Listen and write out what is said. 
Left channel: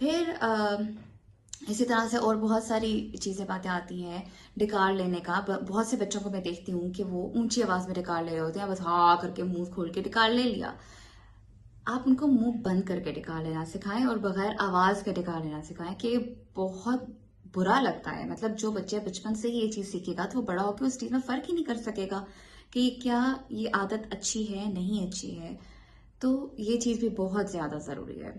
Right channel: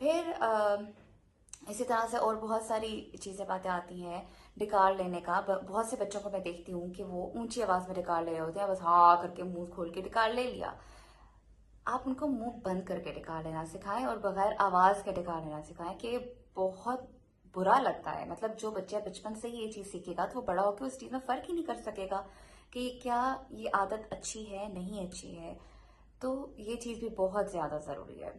फिर इसी तरह से और बहुत सारी चीज़ें बातें आती हैं। डिकार लेने का बहुत से बच्चों को मैं देखती हूँ कि वो ऊंची आवाज़ में डिकार ले रहे होते हैं, बस हाँ करके मुंह खोल के डिकार ले लिया। आप उनको मुंह बंद करके डिकार लेना सिखाएं और बगैर आवाज़ के डिकार लेना सिखाएं, कि बहुत बुरा लगता है। मतलब जो बच्चे बचपन से ही ये चीज़ सीखेगा तो वो बड़ा होकर उस चीज़ में फ़र्क ही नहीं कर सकेगा कि क्या ये आदत अच्छी है नहीं अच्छी है। तो ये चीज़ भी बहुत ज़्यादा ज़रूरी है।